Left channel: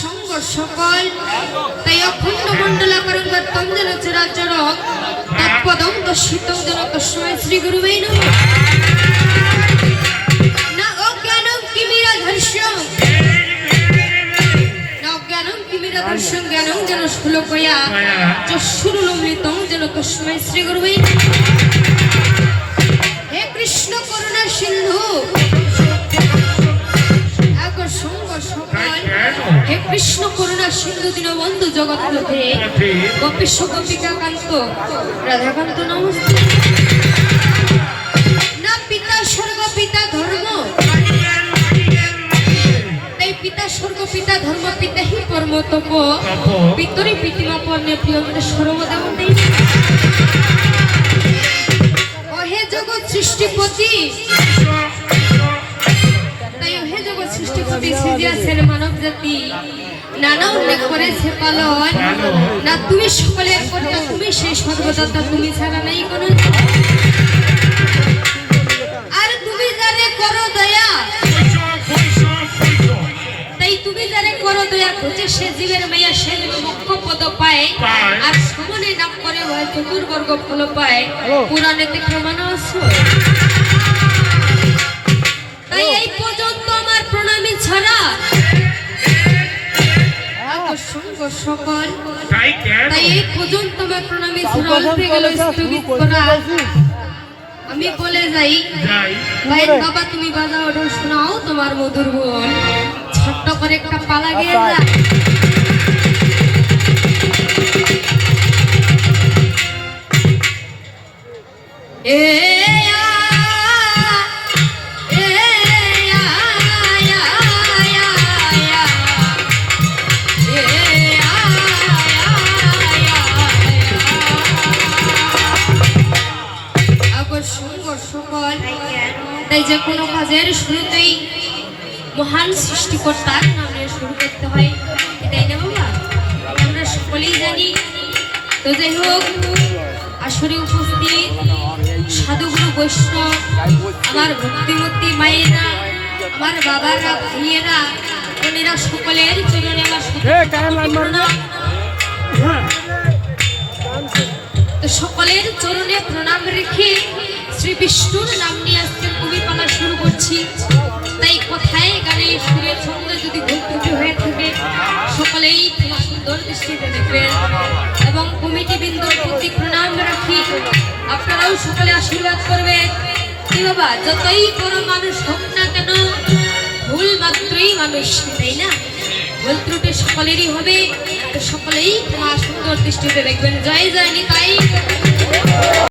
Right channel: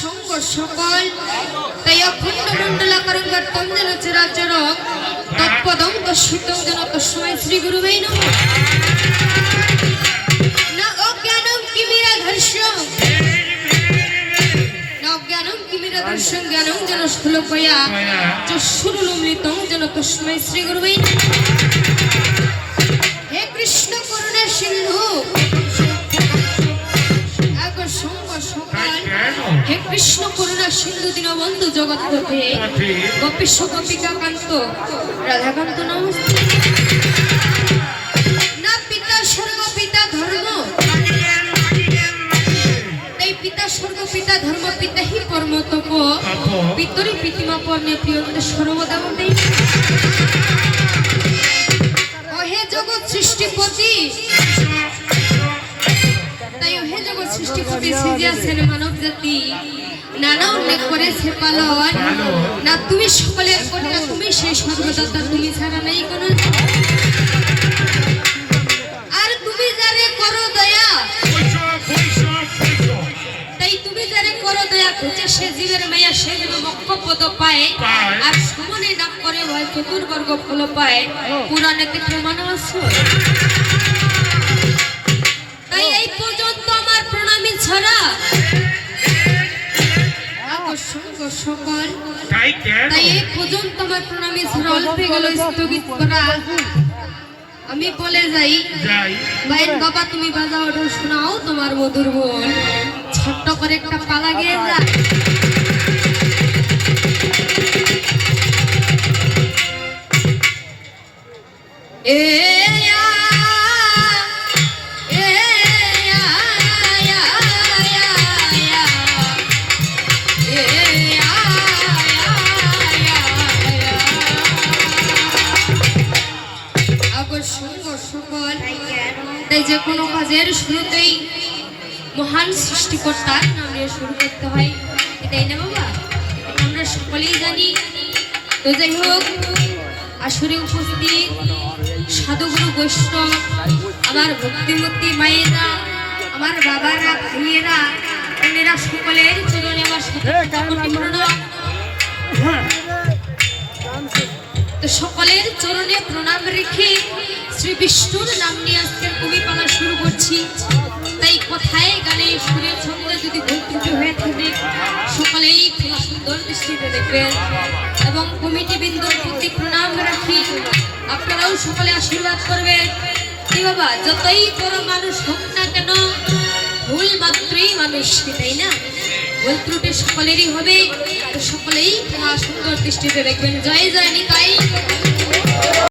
সঙ্গ সকল তাই অখণ্ড মণ্ডলাকারং বর্তং যেন চরাচরং তৎপদং দর্শিতং যেন তস্मै শ্রী গুরুবে নমঃ। না অজ্ঞানং কিমিরাধর্ষং না অজ্ঞানং কিমিরাধর্ষং জ্ঞানং যেন শ্লোকয়া চক্ষুরুন্মিলিতং যেন তস্मै শ্রী গুরুবে নমঃ। হে কৃষ্ণ করুণা সিন্ধু হে কৃষ্ণ করুণা সিন্ধু দীনবন্ধু জগৎপথে গোপীশ গোপিকা কান্ত রাধাকান্ত নমস্তে। না পিতা স্বর্গ পিতা ধর্ম তাই পিতা স্বর্গ পিতা ধর্ম পিতা হি পরম তপ পিতরি প্রীতিমা পর্ণে প্রিয়ন্তে সর্বদা দেই। হে জগৎ সৃষ্টিপতি হে জগৎ সৃষ্টিপতি সৃজিয়াছেন মানব জাতি নানা উল্লেখ করেছে পালন না তুমি সকলের কর্তা তুমি সেই সর্বদাতা তুমি ছাড়া নেই কোনো আর তুমি যারে করো দয়া তাই তুমি যারে করো দয়া খুঁজে সে জীবের মায়া সে মোক্ষ পদ পায় আর সমনে নাম করে হয় চতুর্বর্গ ফল পায় পুরাণেতে প্রমাণ আছে। তাই এই পর্যন্ত আমার প্রণামী ছড়া সকল তাই এই পর্যন্ত আমার প্রণামী ছড়া অল্পে গেল স্থগিত করা আমি বলে যাই ভাইয়ের বাবা তুমি বাজাও ওটা শোনাও তোমার মধুর বোন ছোট্ট করে একটা পালা গিয়ে যায়। তাই যে কোনো কাজের শুরুতেই মহান সৃষ্টিকর্তার নাম নিয়ে শুরু করতে হয় এটাই না বাবা আমরা সকলেই জানি। তো যাই হোক আসরে উপস্থিত সাধুগুরু বৈষ্ণব আমার ভক্তিমতী মায়েরা আমার বাবারা ভাইয়েরা বোনেরা সকলের চরণে আমার তো সকলের চরণে প্রণাম রেখে শ্রী বিষ্ণুর নাম নিয়ে আজকে কবিপালা শুরু করছি। তাই কোথায় গানে সুরের সঙ্গে যদি ভুল ত্রুটি হয়ে থাকে সকলেই সুন্দর দৃষ্টিতে দেখবেন এবং কমিটি বৃন্দর প্রতি প্রণাম রাখি আপনারাও সকলে আশীর্বাদ করবেন। কি বাবা যতই বড় মানুষ হোক না কেন ভুল মাত্রই মানুষ তাই না ভুল ত্রুটি সকলেরই হবে সকলেই তোমার সুন্দর দৃষ্টিতে দেখবেন। জয় জয় নিতাই।